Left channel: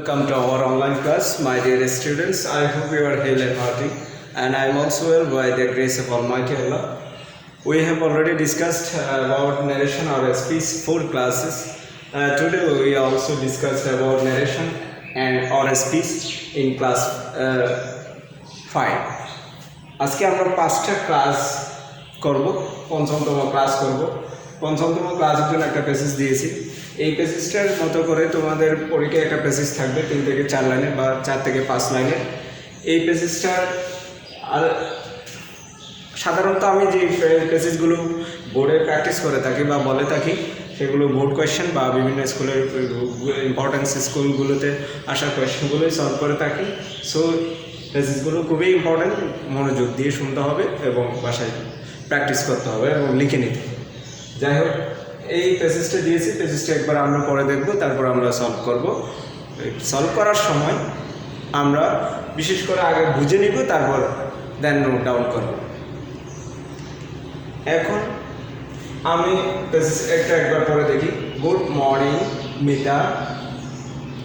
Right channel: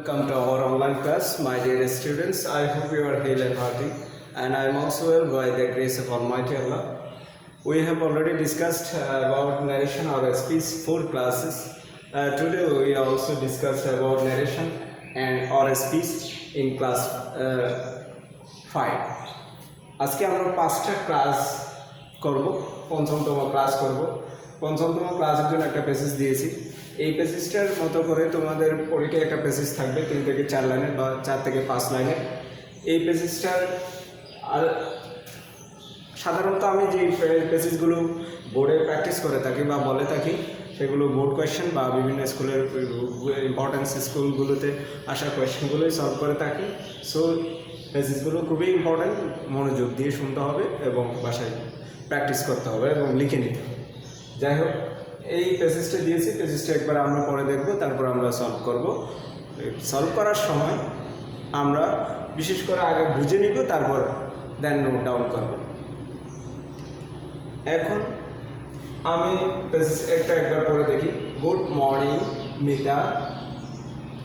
Welcome to our online class, my dear students. I hope you are hale and hearty, and I am also well by the grace of Almighty Allah. We have already discussed about narration or speech 4 classes. Today we also discussed about narration and or speech in class 5. আজকে আমরা 5টা class করব, পঞ্চমতম class করব। পঞ্চমতম ক্লাসের জন্য একটা passage দিয়েছি। এই প্যাসেজটার মতো করে তোমাদের পরীক্ষায় একটা প্যাসেজ থাকবে 3 থেকে 4 লাইনের বা 4 থেকে 5 লাইনের। এই প্যাসেজটা আর সাধারণত আমি যে প্যাসেজগুলো বোর্ডে প্র্যাকটিস করে থাকি বা বলে থাকি সেগুলো বোর্ড কোয়েশ্চেন বা বিভিন্ন স্কুলের ইম্পর্টেন্স স্কুলগুলোতে আসা কোয়েশ্চেনগুলোই সলভ করে থাকি। সো প্যাসেজগুলো খুবই ইম্পর্টেন্ট, মনোযোগ দিয়ে শুনতে হবে এবং বাসায় প্র্যাকটিস করতে হবে এবং লিখে নিতে হবে। যাই হোক, এই প্যাসেজটা দিয়েছি, প্যাসেজটা একবার আমরা পরে দেখব, তারপর আমরা সলভ করব। সলভ করার সময় আমরা বিশেষ করে আগে বুঝে নিব, তারপর দেন নোট ডাউন করব। এখন আমি প্যাসেজ একবার পরে দেখি। Good morning Mita,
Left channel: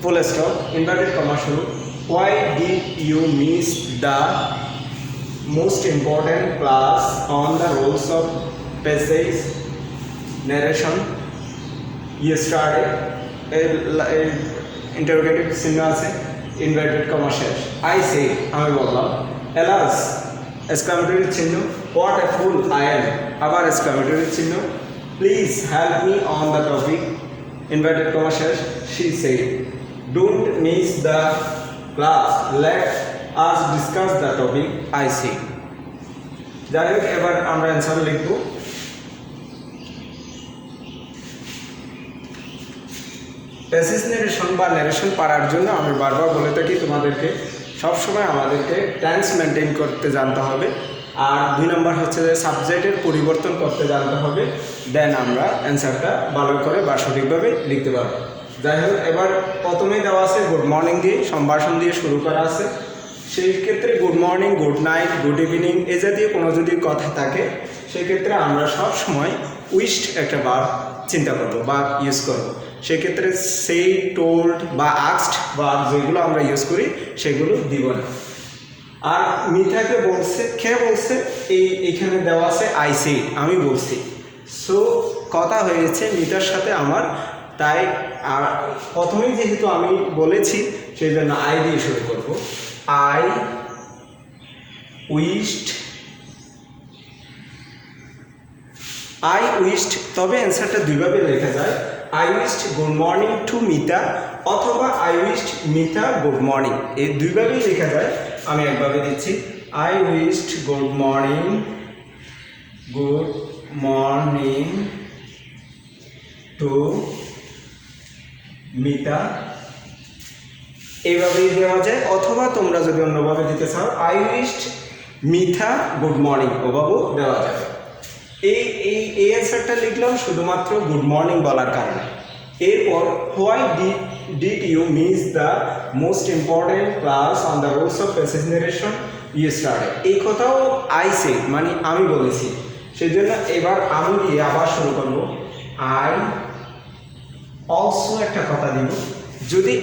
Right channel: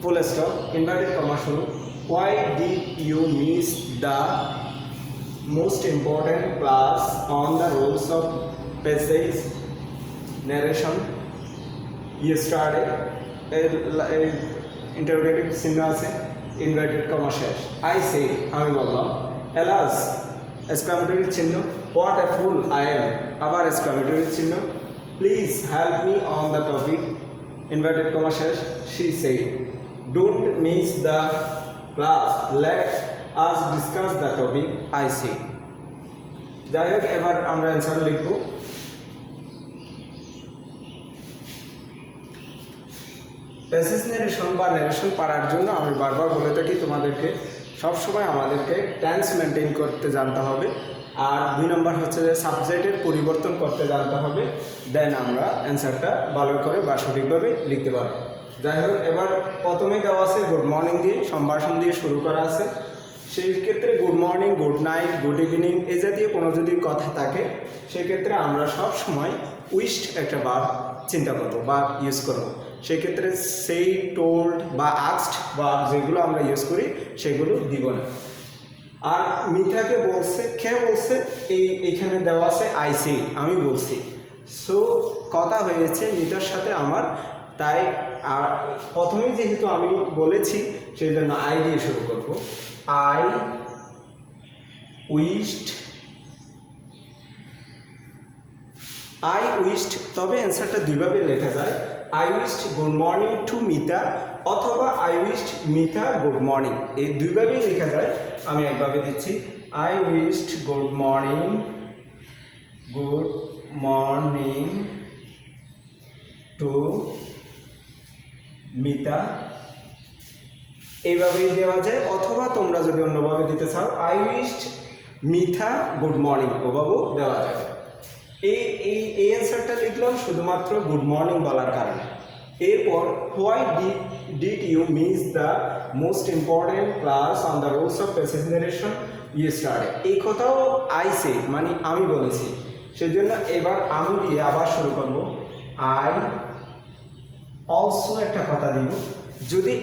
full stop, inverted comma শুরু। Why did you miss the most important class on the rules of passage narration yesterday? Interrogative চিহ্ন আছে, ইনভার্টেড কমা শেষ। I say, আমি বললাম। alas, exclamatory চিহ্ন, what a fool I am, আবার exclamatory চিহ্ন। please help me on the topic, inverted comma শেষ। she said, don't miss the class, let us discuss the topic, I say. যাই হোক, এবার আমরা অ্যান্সার লিখব। প্যাসেজ নারেশন বা ন্যারেশন পারার জন্য আমি বারবার বলে থাকি তোমাদেরকে সবসময় আমাদেরকে টেন্স মেনটেন করতে জানতে হবে, আর 2 নম্বর হচ্ছে যে সাবজেক্টের পরিবর্তন করতে জানতে হবে। দেন আমরা অ্যান্সারটা ভালো করে বা সঠিকভাবে লিখতে পারবো। যাই হোক, এবার প্রথমেই দেওয়া আছে গুড মর্নিং দিয়ে, সম্ভাষণ দিয়ে শুরু করা আছে। সেই ক্ষেত্রে good morning, good night, good evening এ জাতীয় কোনো যদি কথা থাকে সেক্ষেত্রে আমরা সব সময় উইশড একটা ভার্ব চিন্তা করব বা ইউজ করব। সেক্ষেত্রে সেই, টোল্ড বা আস্কড ভার্ব যেগুলো আমরা ইউজ করি সেগুলো দিব না। আর মিথাকে বলছে, কে বলছে, এইখানে দেওয়া আছে আই সেড, আমি বলছি। সো কথা হয়েছে মিতার সাথে আমার, তাই আর প্রথমেই যেহেতু আমি বলেছি সেই জন্য আই দিয়ে শুরু করব। আই উইশড, তবে অ্যান্সারটা দুইভাবে লেখা যায়। I wished good morning to Mita, অথবা I wished Mita good morning, এই দুইভাবেই লেখা যায়। আমি একভাবে দিচ্ছি, I wished good morning to Mita, এইভাবেই দেওয়া যায়। অথবা তোমরা যদি অন্যভাবে দিতে চাও, I wished Mitha good morning, ওভাবেও দেওয়া যায়। এই অ্যান্সারটা লিখলাম শুধুমাত্র গুড মর্নিং বলার কারণে। এরপর why did you miss the most important class on the rules of passage narration yesterday, এই কথাও আই সেড মানে আমি বলেছি। সেই জন্য এবার আমি দিয়ে আবার শুরু করবো। আই অলসো একটা কথা দিব। যদি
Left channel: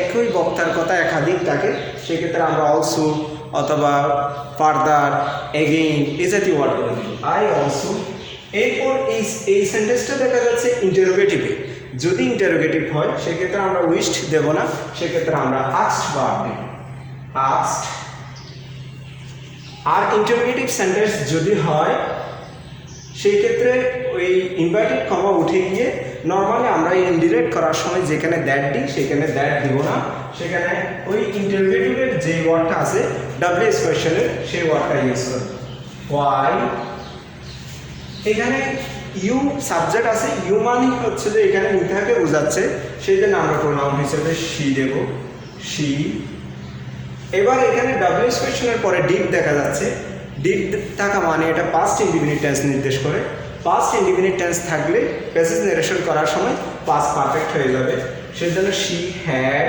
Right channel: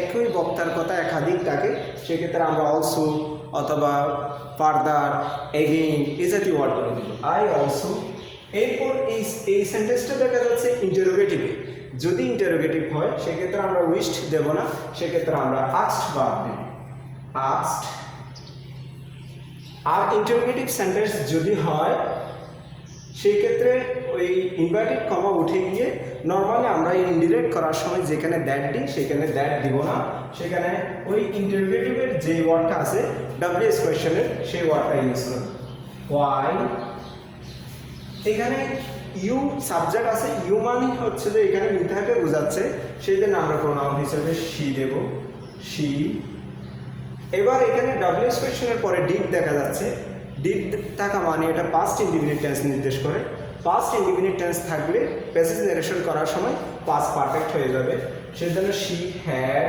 একই বক্তার কথা একাধিক থাকে সেক্ষেত্রে আমরা অলসো অথবা ফার্দার, এগেইন এই জাতীয় ওয়ার্ড করে দিব। I also. এরপর এই সেন্টেন্সটা দেখা যাচ্ছে ইন্টারোগেটিভে। যদি ইন্টারোগেটিভ হয় সেক্ষেত্রে আমরা উইশড দেব না, সেক্ষেত্রে আমরা আস্কড ভার্ব দেব, আস্কড। আর ইন্টারোগেটিভ সেন্টেন্স যদি হয় সেই ক্ষেত্রে ওই ইনভার্টেড কমা উঠে গিয়ে নর্মালি আমরা ইনডিরেক্ট করার সময় যেখানে দ্যাট দিই সেখানে দ্যাট দিব না, সেখানে ওই ইন্টারোগেটিভের যে ওয়ার্ডটা আছে ডাব্লিউএস কোয়েশ্চেনের সেই ওয়ার্ডটা ইউজ করব। হোয়াই, এখানে ইউ সাবজেক্ট আছে, ইউ মানে হচ্ছে যে এখানে মিথাকে বোঝাচ্ছে, সেই জন্য আমরা প্রোনাউন হিসেবে শি দেব, শি। এবার এখানে ডাব্লিউএস কোয়েশ্চেনের পরে ডিড দেখা যাচ্ছে, ডিড থাকা মানে এটা পাস্ট ইনডিফিনিট টেন্স নির্দেশ করে। পাস্ট ইনডিফিনিট টেন্স থাকলে প্যাসেজ নারেশন করার সময় পাস্ট পারফেক্ট হয়ে যাবে, সেই জন্য শি হ্যাড।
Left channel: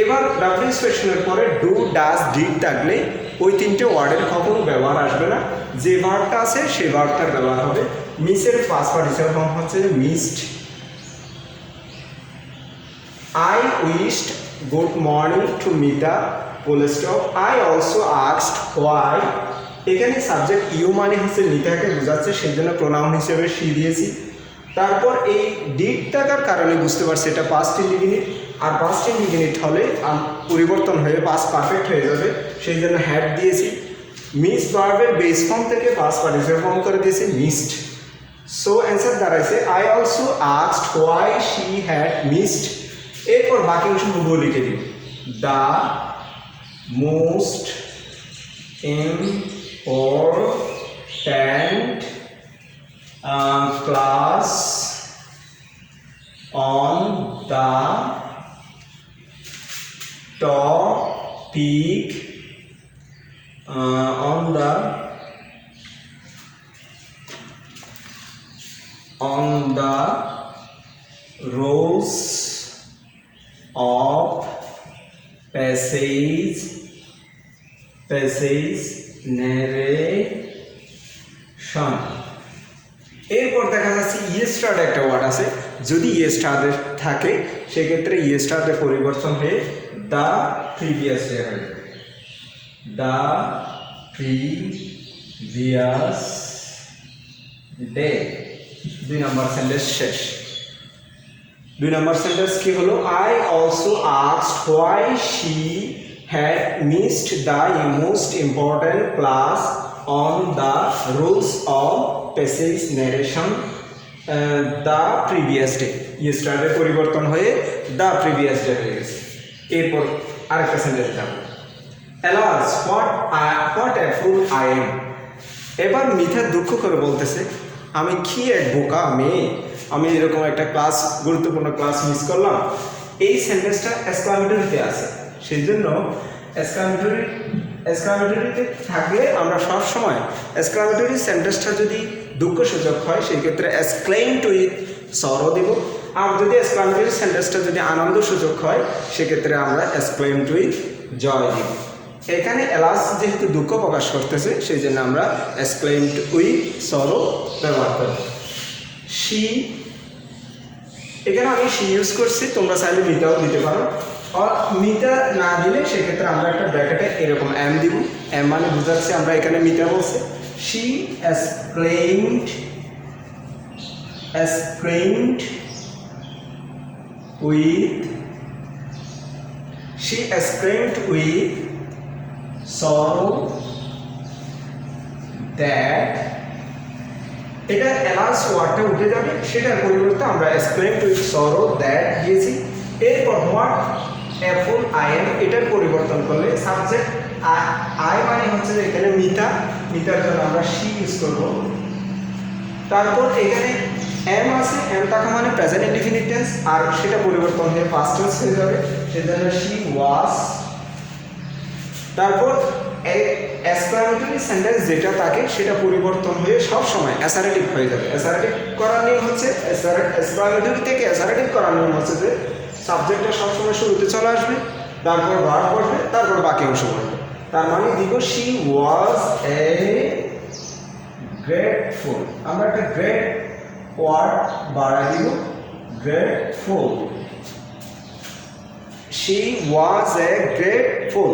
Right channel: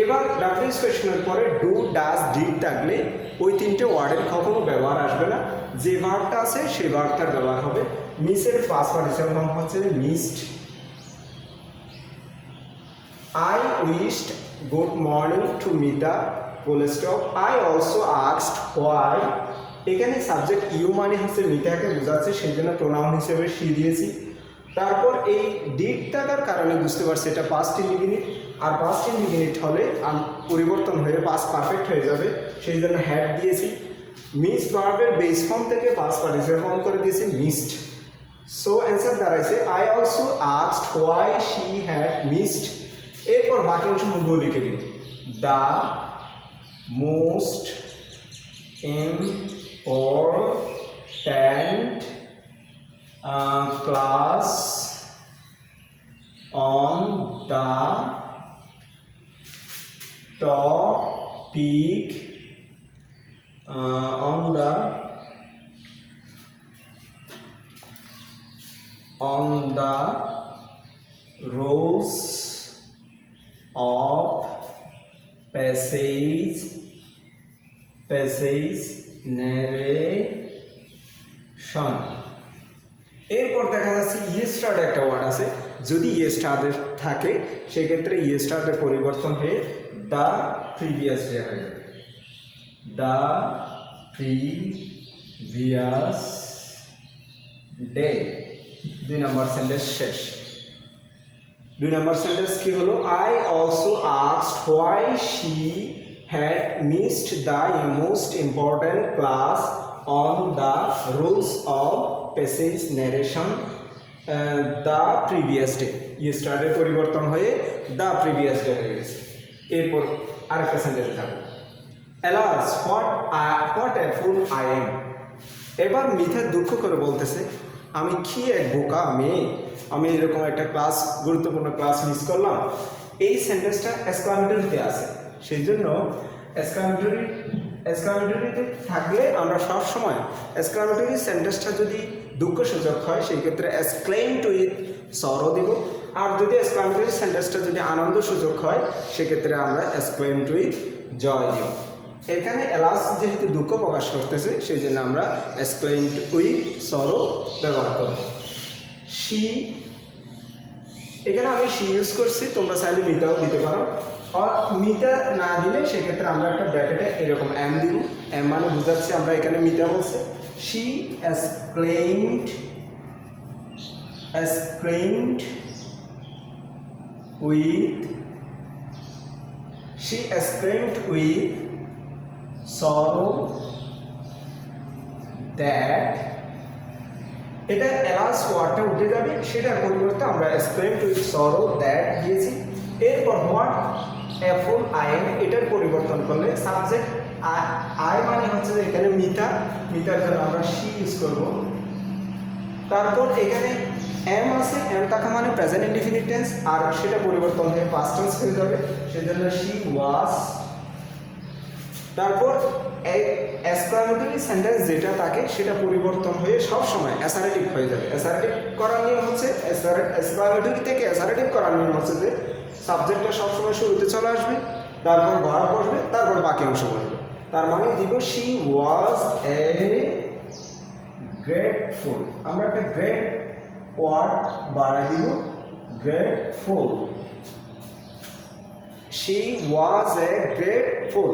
এবার ডাব্লিউএস কোয়েশ্চেনের পরে ডু, ডাজ, ডিড থাকলে ওই 3টে ওয়ার্ডের কখনো ব্যবহার আসবে না, যে ভার্বটা আছে সেই ভার্বটার ব্যবহার হবে। মিসের পাস্ট পার্টিসিপল ফর্ম হচ্ছে missed, I wished good morning to Mita, full stop. I also asked why. এখানে সাবজেক্ট ইউ মানে হচ্ছে মিতাকে বোঝাচ্ছে, সেই জন্য প্রোনাউন হিসেবে সি দিয়েছি। তারপর এই ডিড থাকার কারণে বুঝতে পারছি এটা পাস্ট ইনডিফিনিট, আর পাস্ট ইনডিফিনিট হলে পরিবর্তন হয়ে পাস্ট পারফেক্ট হয়ে যাবে, সেই জন্য হ্যাড দিয়েছি। মিস ভার্বের বেস ফর্ম থেকে পাস্ট পার্টিসিপেল ফর্ম করে দিয়েছি মিসড। সো অ্যান্সার দাঁড়াইছে I also asked why she had missed. এরপর বাকি অংশ হুবহু লিখে দিন। The most important class on the topic on the roles of passage narration। এরপর দেখা যাচ্ছে ইয়েস্টারড একটা ওয়ার্ড আছে, যদি ইয়েস্টারড থাকে সেক্ষেত্রে ইয়েস্টারডের পরিবর্তন হয়ে দ্য প্রিভিয়াস ডে হবে। The previous day. 2 number sentence শেষ। 2 নম্বর সেন্টেন্স কি হলো? I also asked why she had missed the most important class on the rules of passage narration the previous day। yesterday পরিবর্তন হয়ে the previous day হয়ে গেছে। এরপর আরেকটা সেন্টেন্স দাও। alas what a fool I am। এবার মিথা দুঃখ করে বলতেছে আমি কি এক বোকা মেয়ে, আমি এরকম একটা ক্লাস, গুরুত্বপূর্ণ ক্লাস মিস করলাম। এই সেন্টেন্সটা এক্সক্লামেটরিতে আছে, সেই জন্য এক্সক্লামেটরিতে থাকলে আমরা সবসময় এক্সক্লামেটরি সেন্টেন্সটা যদি দুঃখসূচক হয় সেই ক্ষেত্রে এক্সক্লেইমড উইথ সরো দেব, আর যদি এক্সক্লামেটরি সেন্টেন্সটা যদি আনন্দসূচক হয় সেক্ষেত্রে আমরা এক্সক্লেইমড উইথ জয় দিব। এখানে এলাস যেহেতু দুঃখ প্রকাশ করতেছে সেই জন্য আমরা এক্সক্লেইমড উইথ সরো ব্যবহার করব। শি, এখানে আমি শি ইউজ করছি, তোমরা চাইলে মিতাও দিতে পারো। আর মিটা না দিলে সেক্ষেত্রে আমরা একটা ব্র্যাকেটে এরকম এম দিব, এম মানে বুঝাচ্ছি আমরা এখানে মিটা বলছি। She exclaimed with sorrow that. এটা এলাস ওয়ার্ডটা উঠে যাবে, সেটার পরিবর্তে আমরা এক্সক্লেইমড উইথ সরো দ্যাট দিয়েছি। এরপর what a full I am, এটার পরিবর্তন করলে সাবজেক্ট আই মানে হচ্ছে যে এখানে মিতার জন্য আমরা শি ইউজ করব। তারপর এখানে এম আছে, এম থাকা মানে প্রেজেন্ট ইনডিফিনিট টেন্স, আর সেটা পরিবর্তন হয়ে পাস্ট টেন্স হয়ে যাবে, সেজন্য শি ওয়াজ। তারপর এক্সক্লামেটরি সেন্টেন্স যেটা থাকে সেটা পরিবর্তন হয়ে সব সময় অ্যাসারেটিভ হয়ে যাবে। অ্যাসারেটিভ করার নিয়ম হচ্ছে, এক্সক্লামেটরি থেকে অ্যাসারেটিভ করার নিয়ম হচ্ছে যে সাবজেক্টটা সবসময় শুরুতে চলে আসবে, তারপর ভার্ব পড়বে, তারপর বাকি অংশ পড়বে। তার মানে দিব শি ওয়াজ এ গ্রেটফুল। আমরা একটা গ্রেট ওয়ার্ড বাড়া দিব, grateful. She was A grateful.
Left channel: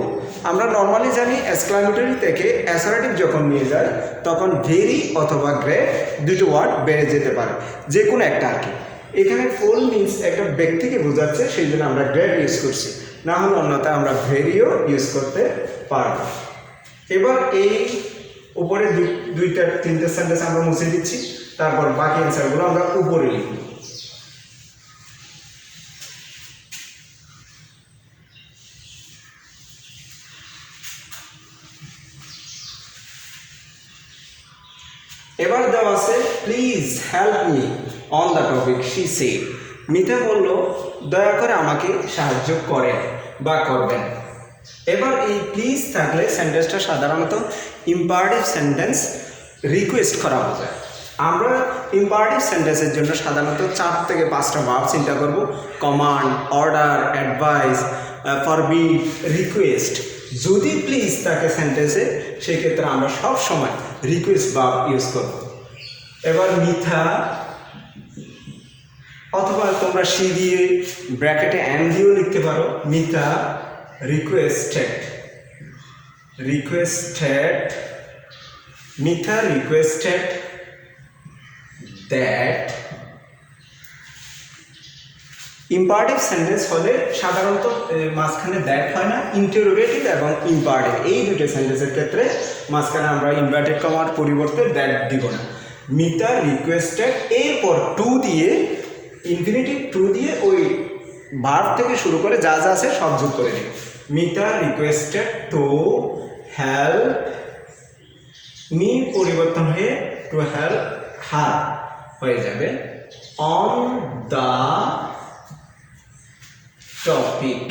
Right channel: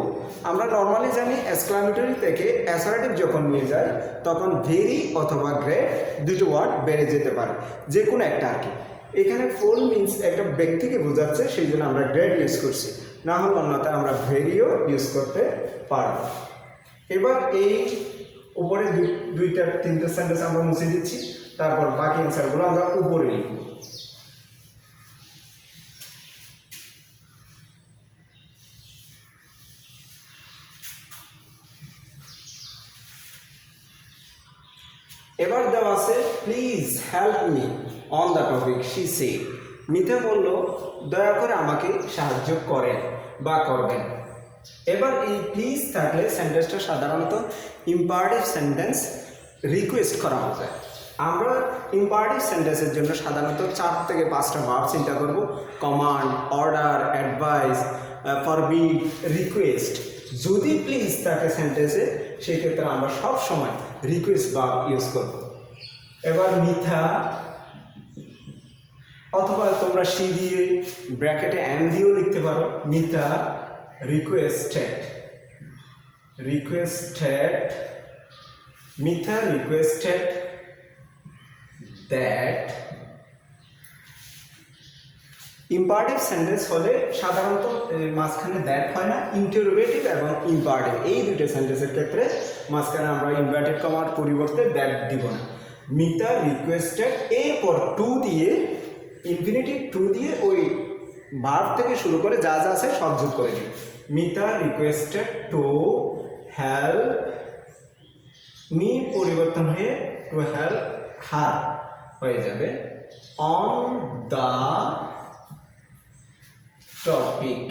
আমরা নর্মালি জানি এক্সক্লামেটরি থেকে অ্যাসারেটিভ যখন নিয়ে যায় তখন ভেরি অথবা গ্রেট দুটো ওয়ার্ড বেড়ে যেতে পারে, যে কোনো একটা আর কি। এখানে ফুল মিন্স একটা ব্যক্তিকে বোঝাচ্ছে, সেই জন্য আমরা গ্রেট ইউজ করছি, না হলে অন্যথায় আমরা ভেরিও ইউজ করতে পারব। এবার এই উপরে 2-3টে সেন্টেন্স আমরা মুছে দিচ্ছি, তারপর বাকি অ্যান্সারগুলো আমরা উপরে লিখব। এবার দেওয়া আছে please help me on the topic she said. Mita বলল দয়া করে আমাকে সাহায্য করেন বা করবেন। এবার এই প্লিজ থাকলে সেন্টেন্সটা সাধারণত ইম্পারেটিভ সেন্টেন্স রিকোয়েস্ট করা বোঝায়। আমরা ইম্পারেটিভ সেন্টেন্সের জন্য সাধারণত 4 থেকে 5টা ভার্ব চিন্তা করব: command, order, advice, forbid, request. যদি প্লিজ থাকে সেন্টেন্সে সেক্ষেত্রে আমরা সব সময় রিকোয়েস্ট ভার্ব ইউজ করব। এবার মিথা অথবা তোমরা সি দিয়ে ব্র্যাকেটে এম দিয়েও লিখতে পারো। Mita requested Mita requested that. Imperative sentence হলে সাধারণত মাঝখানে দ্যাট হয় না, ইন্টারোগেটিভ এবং ইম্পারেটিভ এই দুটো সেন্টেন্সের ক্ষেত্রে মাঝখানে আমরা ইনভার্টেড কমার পরিবর্তে দ্যাট দিব না। মিতা রিকোয়েস্টেড এরপর টু দিয়ে ইনফিনিটিভ টু দিয়ে ওই ভার্ব থেকে শুরু করে যা যা আছে সব যোগ করে দিই। Mita requested to help me পরিবর্তন হয়ে টু হেল্প হার হয়ে যাবে অন দ্য টপিক।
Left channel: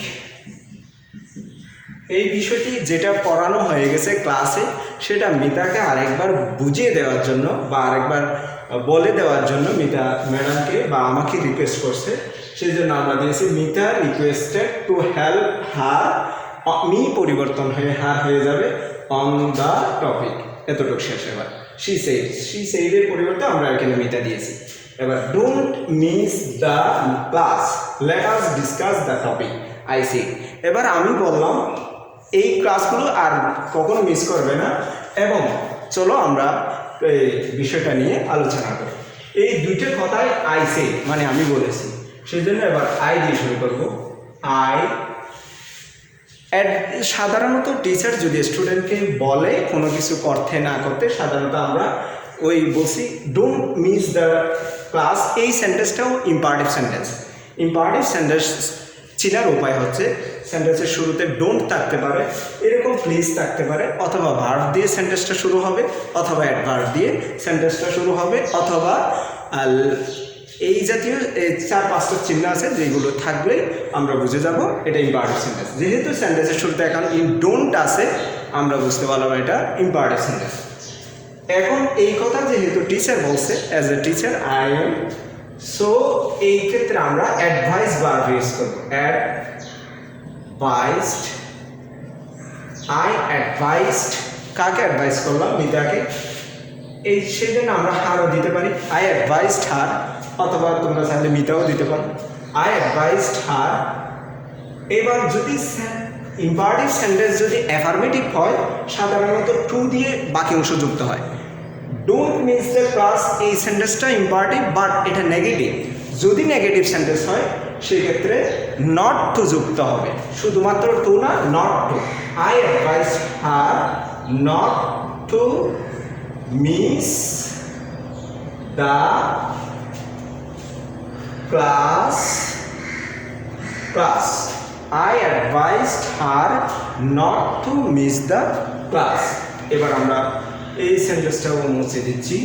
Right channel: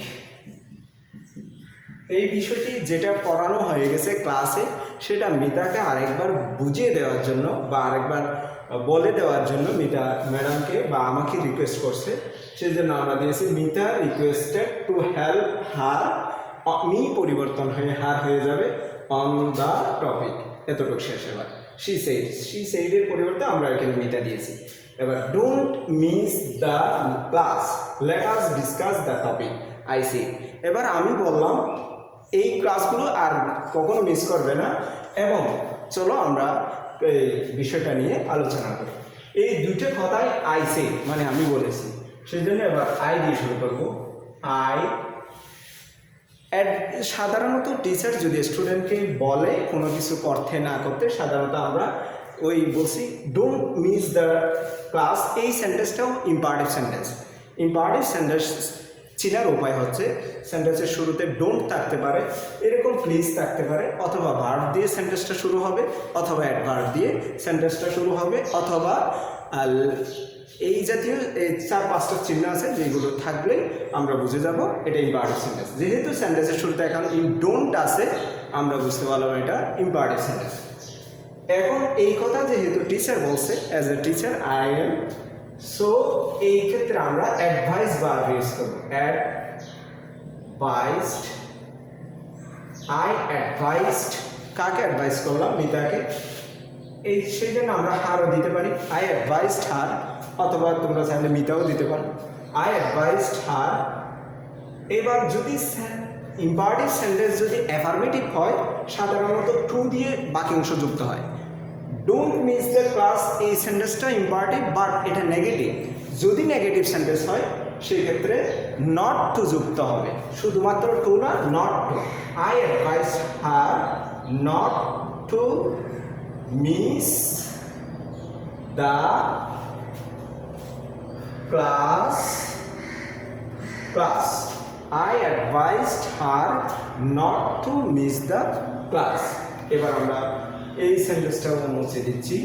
এই বিষয়টি যেটা পড়ানো হয়ে গেছে ক্লাসে সেটা মিতাকে আরেকবার বুঝিয়ে দেওয়ার জন্য বা আরেকবার বলে দেওয়ার জন্য মিতা ম্যাডামকে বা আমাকে রিকোয়েস্ট করছে, সেই জন্য আমরা দিয়েছি Mita requested to help her, me পরিবর্তন হয়ে হার হয়ে যাবে অন দ্য টপিক। এতটুকু শেষ। এবার শি সেইডের পরিবর্তে আমরা এখানে মিতা দিয়েছি। এবার don't miss the class, let us discuss the topic I see. এবার আমি বললাম এই ক্লাসগুলো আর কখনো মিস করবে না এবং চলো আমরা এই বিষয়টা নিয়ে আলোচনা করি। এই দুইটা কথাই আই সে মানে আমি বলেছি, সেই জন্য এবার আই দিয়ে শুরু করবো। আই সাধারণত টিচার যদি স্টুডেন্টকে বলে কোনো কিছু করতে না করতে সাধারণত আমরা ওই বলছি ডোন্ট মিস দ্য ক্লাস। এই সেন্টেন্সটাও ইম্পারেটিভ সেন্টেন্স। ইম্পারেটিভ সেন্টেন্স চিনার উপায় হচ্ছে সেন্টেন্সের শুরুতে ডোন্ট থাকতে পারে, এরকম প্লিজ থাকতে পারে, অথবা ভার্ব দিয়ে সেন্টেন্সটা শুরু হবে, অথবা অ্যাডভার্ব দিয়ে সেন্টেন্সটা শুরু হবে, অথবা এই জাতীয় 4-5টা চিহ্ন আছে যেগুলো থাকলে আমরা বুঝে যাব এটা ইম্পারেটিভ সেন্টেন্স। যেহেতু সেন্টেন্সের শুরুতে এখন ডোন্ট আছে আমরা বুঝতে পারলাম এটা ইম্পারেটিভ সেন্টেন্স। এখন এই কথা যেহেতু টিচার বলছে, as a teacher I am, so এই ক্ষেত্রে আমরা অ্যাডভাইস ভার্ব ইউজ করবো। অ্যাডভাইসড, আই অ্যাডভাইসড, কাকে অ্যাডভাইস করলাম? মিতাকে। এই সেজন্য আমরা হারও দিতে পারি, আই অ্যাডভাইসড হার, অথবা তোমরা চাইলে মিতাও দিতে পারো, আই অ্যাডভাইসড হার। এবার যদি ইম্পারেটিভ সেন্টেন্স যদি অ্যাফার্মেটিভ হয় সাধারণত টু দিয়ে বাকি অংশ যুক্ত হয়। ডোন্ট মিস দ্য ক্লাস এই সেন্টেন্সটা ইম্পারেটিভ বাট এটা নেগেটিভ। যদি নেগেটিভ সেন্টেন্স হয় সেক্ষেত্রে নট টু যুক্ত হবে, শুধুমাত্র টু না, not to. I advise her not to miss the class. I advised her not to miss the class. এবার আমরা এই সেন্টেন্সটাও মুছে দিচ্ছি।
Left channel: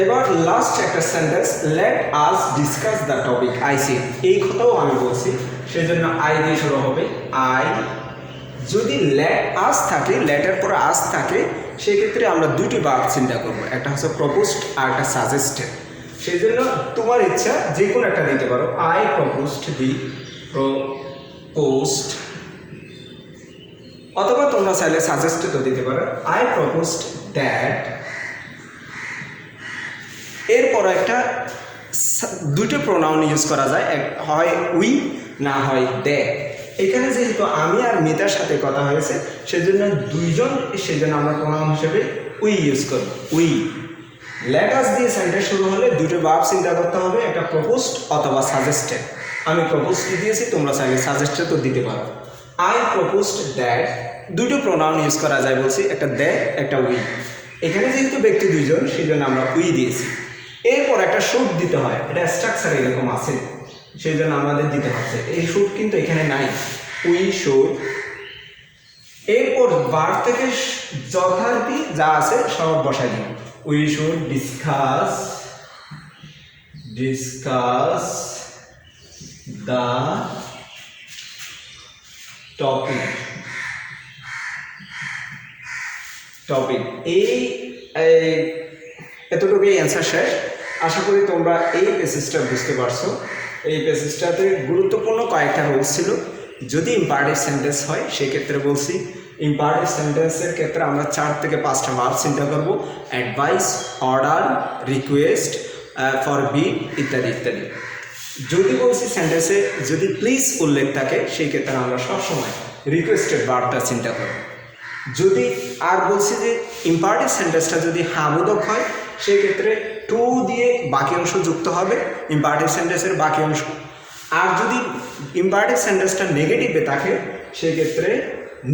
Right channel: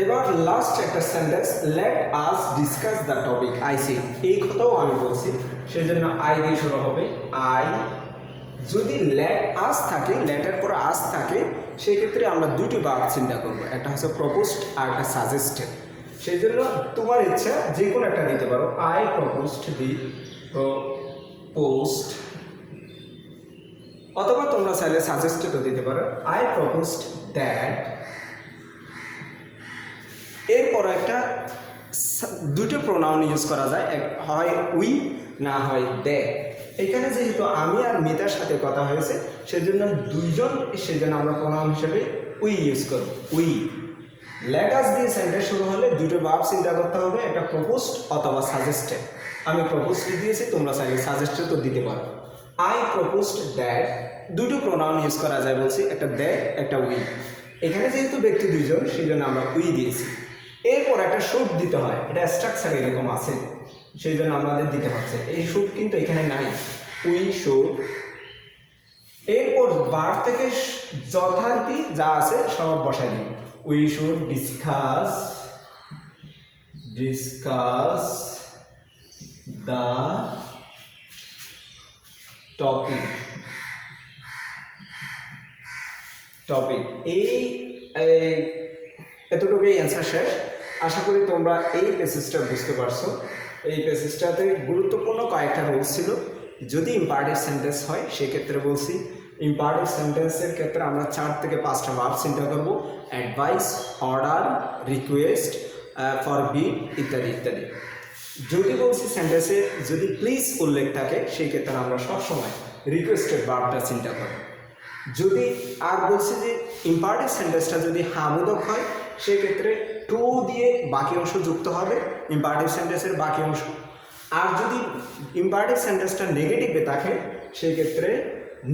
এবার লাস্ট একটা sentence, let us discuss the topic I see. এই কথাও আমি বলছি, সেই জন্য আই দিয়ে শুরু হবে। আই যদি লেট আস থাকে, লেটের পর আস থাকে, সেক্ষেত্রে আমরা দুইটি ভার্ব চিন্তা করবো, একটা হচ্ছে প্রপোজড আর একটা সাজেস্টেড। সেই জন্য তোমার ইচ্ছা যে কোনো একটা দিতে পারো। আই প্রপোজড দি প্রপোজড, অথবা তোমরা চাইলে সাজেস্টেডও দিতে পারো। I proposed that. এরপর একটা দুটো প্রোনাউন ইউজ করা যায়, হয় উই না হয় দে। এখানে যেহেতু আমি আর মিতার সাথে কথা হয়েছে সেজন্য দুইজন, সেজন্য আমরা প্রোনাউন হিসেবে উই ইউজ করব। উই। লেট আস দিয়ে সেন্টেন্স শুরু হলে দুটো ভার্ব চিন্তা করতে হবে, একটা প্রপোজড অথবা সাজেস্টেড। আমি প্রপোজড দিয়েছি, তোমরা চাইলে সাজেস্টেড তো দিতে পারো। আই প্রপোজড দ্যাট, দুটো প্রোনাউন ইউজ করা যায় বলছি, একটা দে একটা উই। এখানে যেহেতু ব্যক্তি দুইজন সেই জন্য আমরা উই দিয়েছি। এরপর একটা শুড দিতে হয়, এটা স্ট্রাকচার এরকম আছে সেই জন্য আমাদের দিতে হচ্ছে। এই শুড কিন্তু এখানে নাই, উই শুড। এরপর ভার্ব থেকে যথারীতি যা আছে সব বসাই দিন। We should discuss the topic. এই এতটুকুই অ্যান্সার শেষ। আশা করি তোমরা এই প্যাসেজটা বুঝতে পারছো। এই প্যাসেজটাতে গুরুত্বপূর্ণ কয়েকটা রুলস ছিল, যদি ইম্পারেটিভ সেন্টেন্স হয় সেক্ষেত্রে বলছি ইম্পারেটিভ সেন্টেন্সের ক্ষেত্রে আমরা 4 থেকে 5টা ভার্ব চিন্তা করব, অ্যাডভাইস, অর্ডার, রিকোয়েস্ট, ফরবিড ইত্যাদি ইত্যাদি। যদি বলছি সেন্টেন্সে যদি প্লিজ উল্লেখ থাকে সেই ক্ষেত্রে আমরা সবসময় রিকোয়েস্টেড ভার্বটা চিন্তা করব। যদি আর বলছি যে ইম্পারেটিভ সেন্টেন্সটা যদি হাবোধক হয় সেক্ষেত্রে টু দিয়ে বাকি অংশ যুক্ত হবে ইম্পারেটিভ সেন্টেন্সের বাকি অংশ। আর যদি ইম্পারেটিভ সেন্টেন্সটা নেগেটিভে থাকে সেই ক্ষেত্রে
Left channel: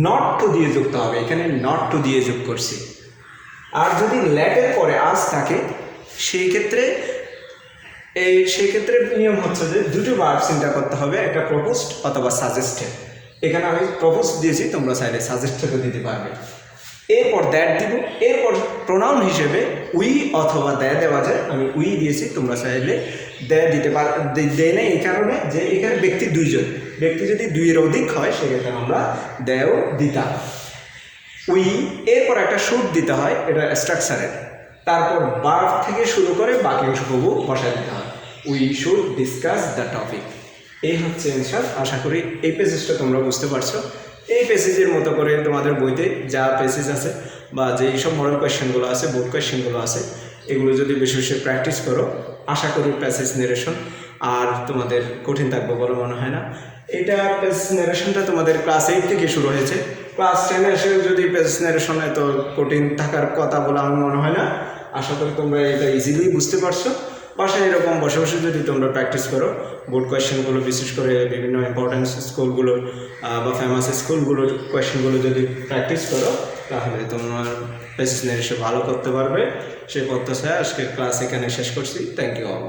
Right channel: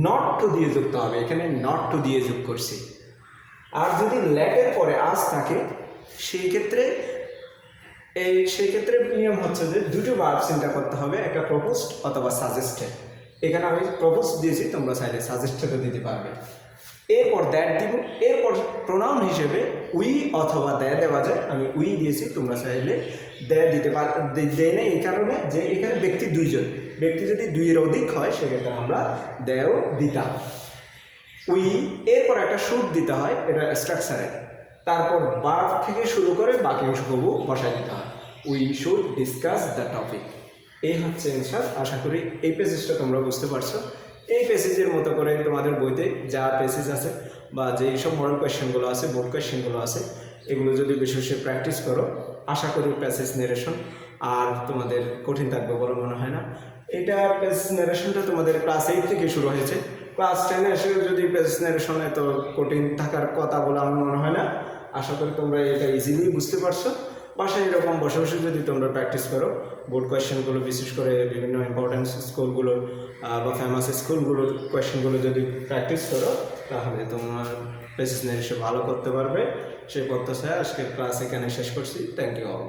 নট টু দিয়ে যুক্ত হবে, এখানে নট টু দিয়ে যোগ করছি। আর যদি ল্যাটের পরে আজ থাকে সেই ক্ষেত্রে নিয়ম হচ্ছে যে দুটো ভার্ব চিন্তা করতে হবে, একটা প্রপোজড অথবা সাজেস্টেড। এখানে আমি প্রপোজ দিয়েছি, তোমরা চাইলে সাজেস্টেডও দিতে পারবে। এরপর দ্যাট দিব, এরপর প্রোনাউন হিসেবে উই অথবা দ্যা দেওয়া যায়, আমি উই দিয়েছি, তোমরা চাইলে দ্যা দিতে দেয় না এই কারণে যে এখানে ব্যক্তি দুইজন, ব্যক্তি যদি দুইয়ের অধিক হয় সেক্ষেত্রে আমরা দ্যাও দিতাম। উই, এরপর একটা শুড দিতে হয়, এটা স্ট্রাকচারের, তারপর ভার্ব থেকে শুরু করে বাকি অংশ বসায় দিতে হয়। We should discuss the topic. এই হচ্ছে অ্যান্সার। আশা করি এই পেজেসটা তোমরা বুঝতে পারছো। এই পেসেজের মতো করে তোমাদের বইতে যা পেসেজ আছে বা যেই সব মডেল কোয়েশ্চেনগুলো আছে, বোর্ড কোয়েশ্চেনগুলো আছে, এগুলো যদি বেশি বেশি প্র্যাকটিস করো আশা করি প্যাসেজ নেরেশন আর তোমাদের কঠিন থাকবে বলে মনে হয় না। এটা পেজ নেরেশনটা তোমাদের ক্লাস 8 থেকে শুরু হয়েছে, ক্লাস 10 এসে যদি পেজ নেরেশন এত কঠিন থাকার কথা বলে আমার মনে হয় না। আশা করি তোমরা এটা ইজিলি বুঝতে পারছো। বাসায় এরকম বসে বসে যদি তোমরা প্র্যাকটিস করো বোর্ড কোয়েশ্চেনগুলো, বিশেষ করে বিভিন্ন ইম্পর্টেন্স স্কুলগুলোর বা ফেমাস স্কুলগুলোর কোয়েশ্চেনগুলো যদি প্র্যাকটিস করো তাহলে তোমার পেসেজ নেরেশন ভালো করতে পারবে। সেই প্রত্যাশায় আজকের ক্লাস এখানে শেষ করছি। Thank you all.